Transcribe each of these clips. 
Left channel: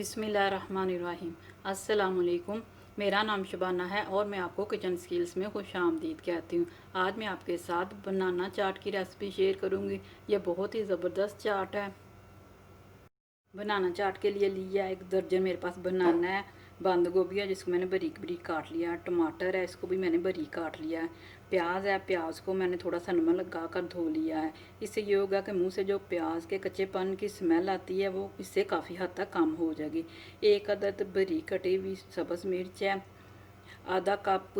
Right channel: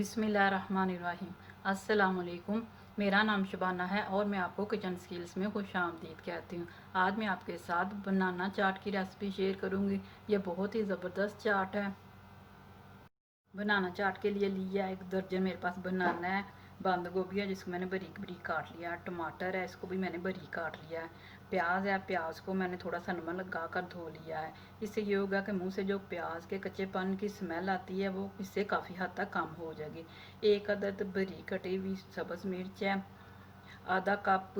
बिस्मिल्लाहिर्रहमानिर्रहीम। अस्सलाम वालेकुम। मेरा नाम शबाना है और मैं आपको किचन स्किल्स में खुश आमदीद कहती हूँ। आज मैं आपके साथ बनाना चाट की रेसिपी शेयर करूँगी। यह बहुत ही ज़बरदस्त चाट है। बनाना चाट के लिए लिया 1 दर्जन मेरे पास बनाना है। बंद गोभी है जिसको मैंने बारीक बारीक काट लिया। टमाटर है, इसको भी मैंने बारीक काट लिया है। प्याज है, प्याज को मैंने थोड़ा सा नमक लगा कर धो लिया है। इससे ये होगा कि मुंह से जो प्याज के कच्चेपन की स्मेल आती है वो इससे काफ़ी हद तक कम हो जाएगी। 1 अदद बारीक कटी हुई सब्ज़ मिर्च है। आधा कप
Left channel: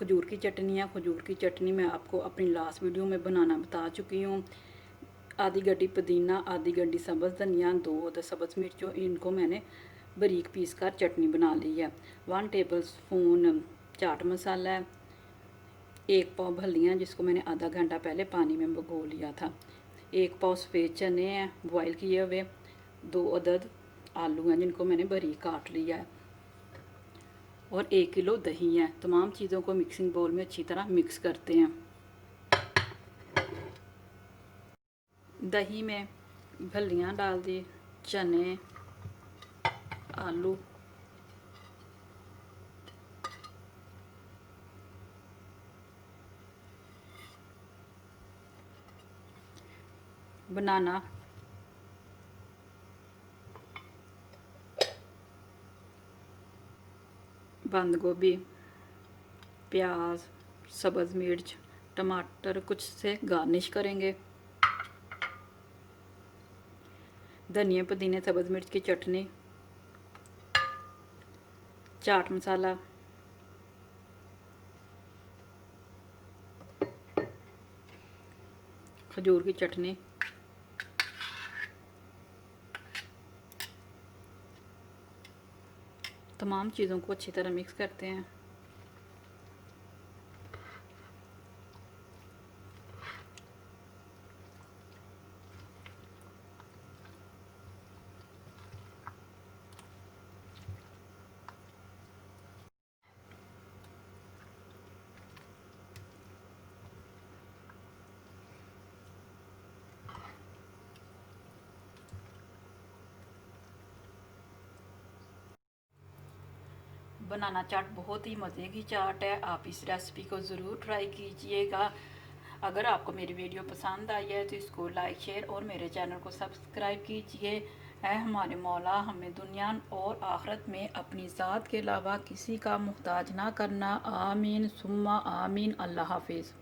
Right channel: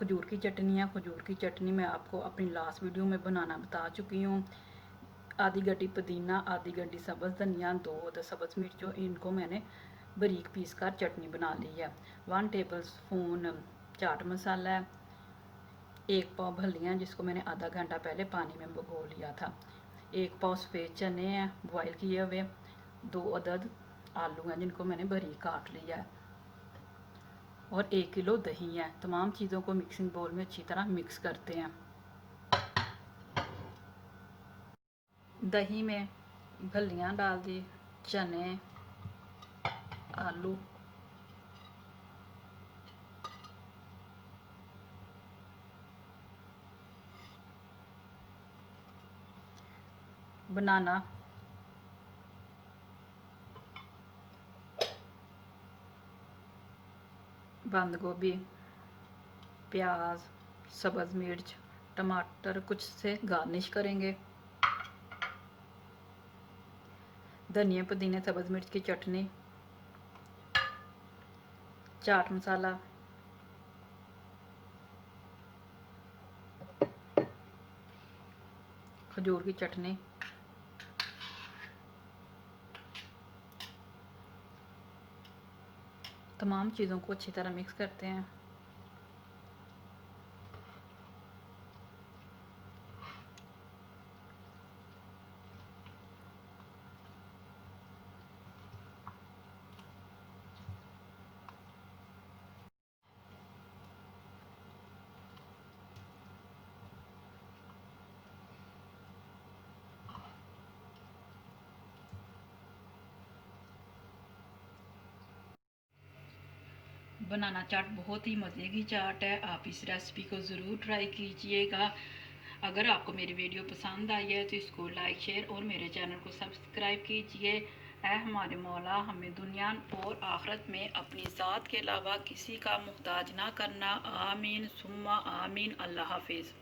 खजूर की चटनी है। खजूर की चटनी मैं आपको अपनी लास्ट वीडियो में बनाना बता चुकी हूँ। आधी गड्डी पुदीना, आधी गड्डी सब्ज़ धनिया, 2 सब्ज़ मिर्चों, इनको मैंने बारीक पीस कर चटनी बना ली है। 1 टेबल स्पून चाट मसाला है। 1 पाव भलियाँ जिसको मैंने आधा घंटा पहले पानी में भिगो लिया था। 1 पाव सफ़ेद चने हैं बॉयल किए हुए। 2 अदद आलू हैं जिनको मैंने बारीक काट लिया है और 1 किलो दही है। तमाम चीज़ों को मिक्सिंग बोल में अच्छी तरह मिक्स करते हैं। दही में फलियाँ डाल दी, चने, आलू, बनाना, बंद गोभी, प्याज, सब्ज़ मिर्च, टमाटर कुछ से गार्निश करेंगे। धनिया पुदीने सब्ज़ मिर्च की चटनी, चाट मसाला, खजूर की चटनी, तमाम चीज़ों को अच्छी तरह मिक्स करते हैं। बनाना चाट बहुत ही मज़े की चाट है। आप इस रेसिपी को ज़रूर ट्राई कीजिएगा। अगर आपको मेरी वीडियो पसंद आई है तो इसको लाइक शेयर और मेरे चैनल को सब्सक्राइब कीजिए। ऐ हमारे मौला हमें दुनिया और आखिरत में अपनी ज़ात के अलावा किसी का मुहताज ना करना। आमीन सुम्मा आमीन। अल्लाह हाफिज़।